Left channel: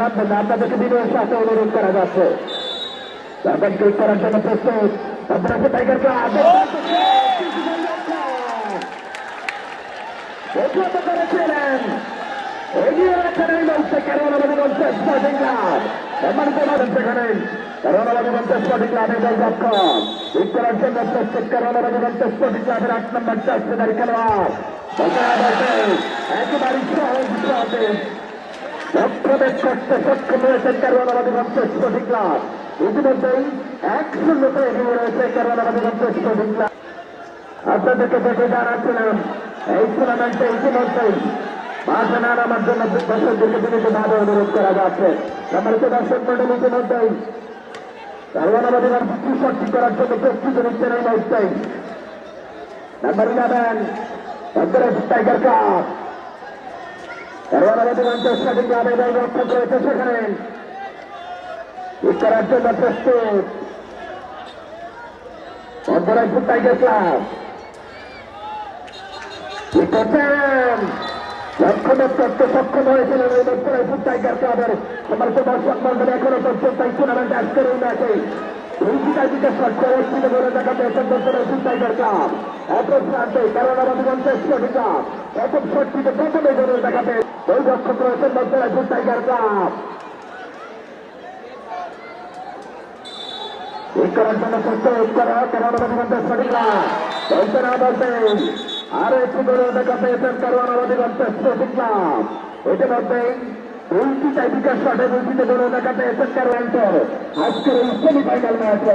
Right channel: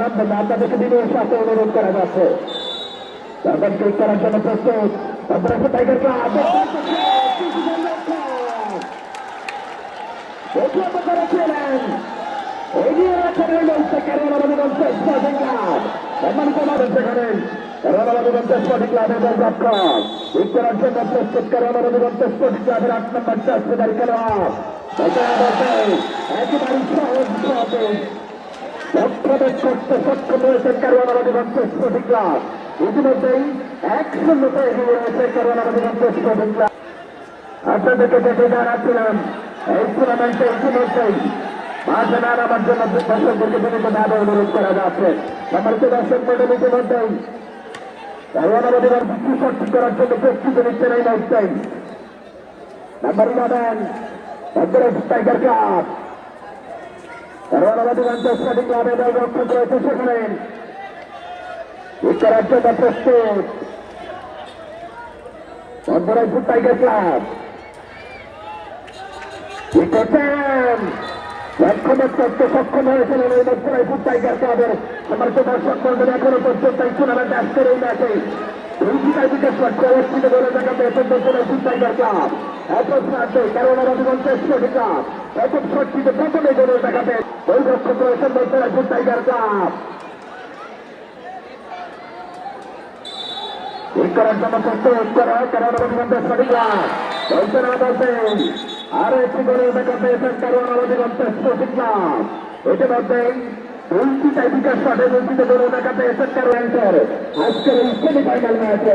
আপনাদেরকে বিনয়ের সাথে অনুরোধ করা যাচ্ছে। তারপর ক্লিক করার জন্য প্রস্তুত। তারপরে টাইগারকে প্রতিহত করেছিলেন। এগিয়ে রাখেন এই মঞ্চে কেরলাবাদী মঞ্চে স্পোর্টিং ক্লাব। সম্মানিত মানুষ সেখানে। কেরলাবাদী মঞ্চে স্পোর্টিং ক্লাবের দর্শক ক্লিক করার জন্য প্রস্তুত কেরলাবাদী মঞ্চে স্পোর্টিং ক্লাবের আট নম্বর চাষদারি খেলোয়াড়। একেবারে সহজ সহজে সক্ষম হয়েছেন কেরলাবাদী মঞ্চে স্পোর্টিং ক্লাব ইতিমধ্যেই এক শূন্যতে এগিয়ে রয়েছে মঞ্চে স্পোর্টিং ক্লাব আপনাদেরকে দেখে জানাচ্ছিলেন এই টুর্নামেন্টে ইতিমধ্যেই মার্শাল আমার জন্য দর্শকদেরকে বিভিন্ন ভাবে অনুরোধ করা যাচ্ছে সম্মানিত দর্শক মন্ডল ইতিমধ্যেই আমাদের সৃষ্টি করার জন্য প্রস্তুত নিচ্ছেন এই মুহূর্তেই নাম্বার ইলেভেন টাইগার কাপ আমাদের অঞ্চল স্বাধীন গ্রামে যাই রক্ষা করেছে সেখানে করার জন্য প্রস্তুত অন্তরায়পুর টাইগার ক্লাব কি করছেন লক্ষ্যমত করতে সক্ষম হয়েছিলেন এই অন্তরায়পুর টাইগার ক্লাবের সমর্থ দর্শক মন্ডল এখনও পর্যন্ত এই টুর্নামেন্টে গেছে দুইটিকা দিকে সরকার একটিতে বলে দেখা পেয়েছেন অন্তরায়পুর টাইগার ক্লাব অপর প্রান্তে কারণ আমাদের ক্লাব অপর শক্তিতে প্রথমে করা কারণ আমাদের মধ্যে সরিলা বলতে না বলতেন আরও একটি করে দেখা পেয়েছেন কারণ আমাদের মধ্যে প্রতিজ্ঞা ইতিমধ্যে দুইটি টাইপিকার শটে দুইটিতে করে দেখা পেয়েছেন কারণ আজকের এই সেমিফাইনাল ম্যাচে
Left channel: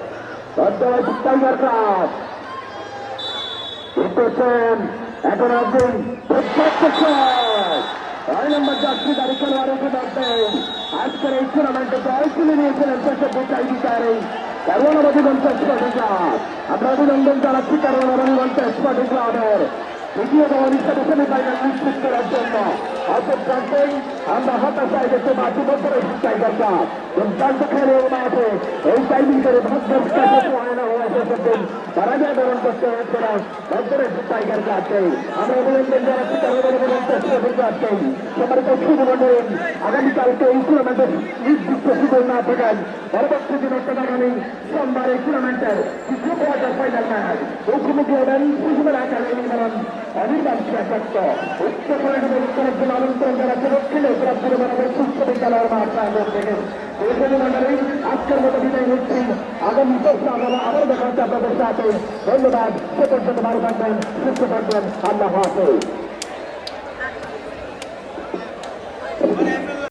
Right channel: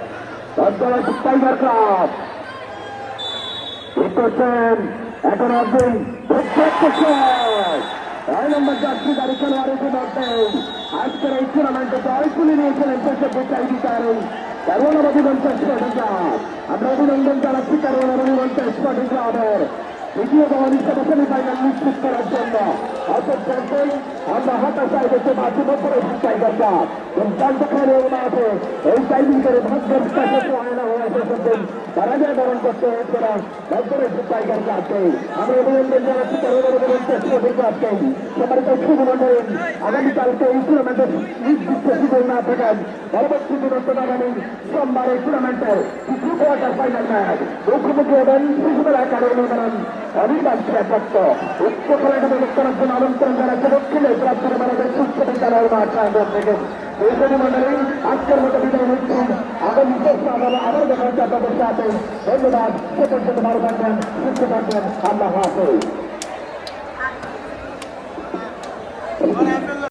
টাইগার ক্লাব করছেন এখন একদিন ছয় নম্বর যাত্রী গাড়ি খেলোয়াড় উঠে মধ্যে আজকের এই টুর্নামেন্টে জয় তুলে নিয়েছিলেন দেশের বিচার। কারণ আমাদের মঞ্চের স্পটিং আমরা অভিনন্দন জানাচ্ছি কারণ আমাদের মঞ্চের স্পটিং ক্লাবের দ্বিতীয় দল হিসেবে সেমিফাইনাল নিশ্চিত করার জন্য। অপর প্রান্তেই আমরা হতাশায় দেশে মাঝে মধ্যে টাইগার কাপ দুর্দান্ত খেলে মাঠে এই টাইমিং করে কাছে আয়না হয়ে এসেছেন তারা যে বরণ করতে হচ্ছে না ভাগ্যের টাইগার কাপকে আমি অভিনন্দন জানাচ্ছি ক্লাবকে সম্মানিত শুভমন্ডল আগামীকালকে এই টুর্নামেন্টের নির্দিষ্ট সুযোগ না থাকেন পরবর্তী দিন অর্থাৎ আগামী সোমবার এই টুর্নামেন্টের কোয়ার্টার ফাইনাল ম্যাচ মুখোমুখি হবেন শিশুদের আকারে অনিবার্য প্রাপ্ত উচ্চ পড়াশোনা করার জন্য আমন্ত্রণ জানাচ্ছে। দক্ষিণের প্রার্থনা আজকের নিচ্ছেন আগামী চেষ্টা আমরা আবার দেখা হচ্ছে আপনাদের সাথে। ধন্যবাদ। সে পর্যন্ত ভালো থাকবেন সুস্থ থাকবেন আল্লাহ হাফেজ।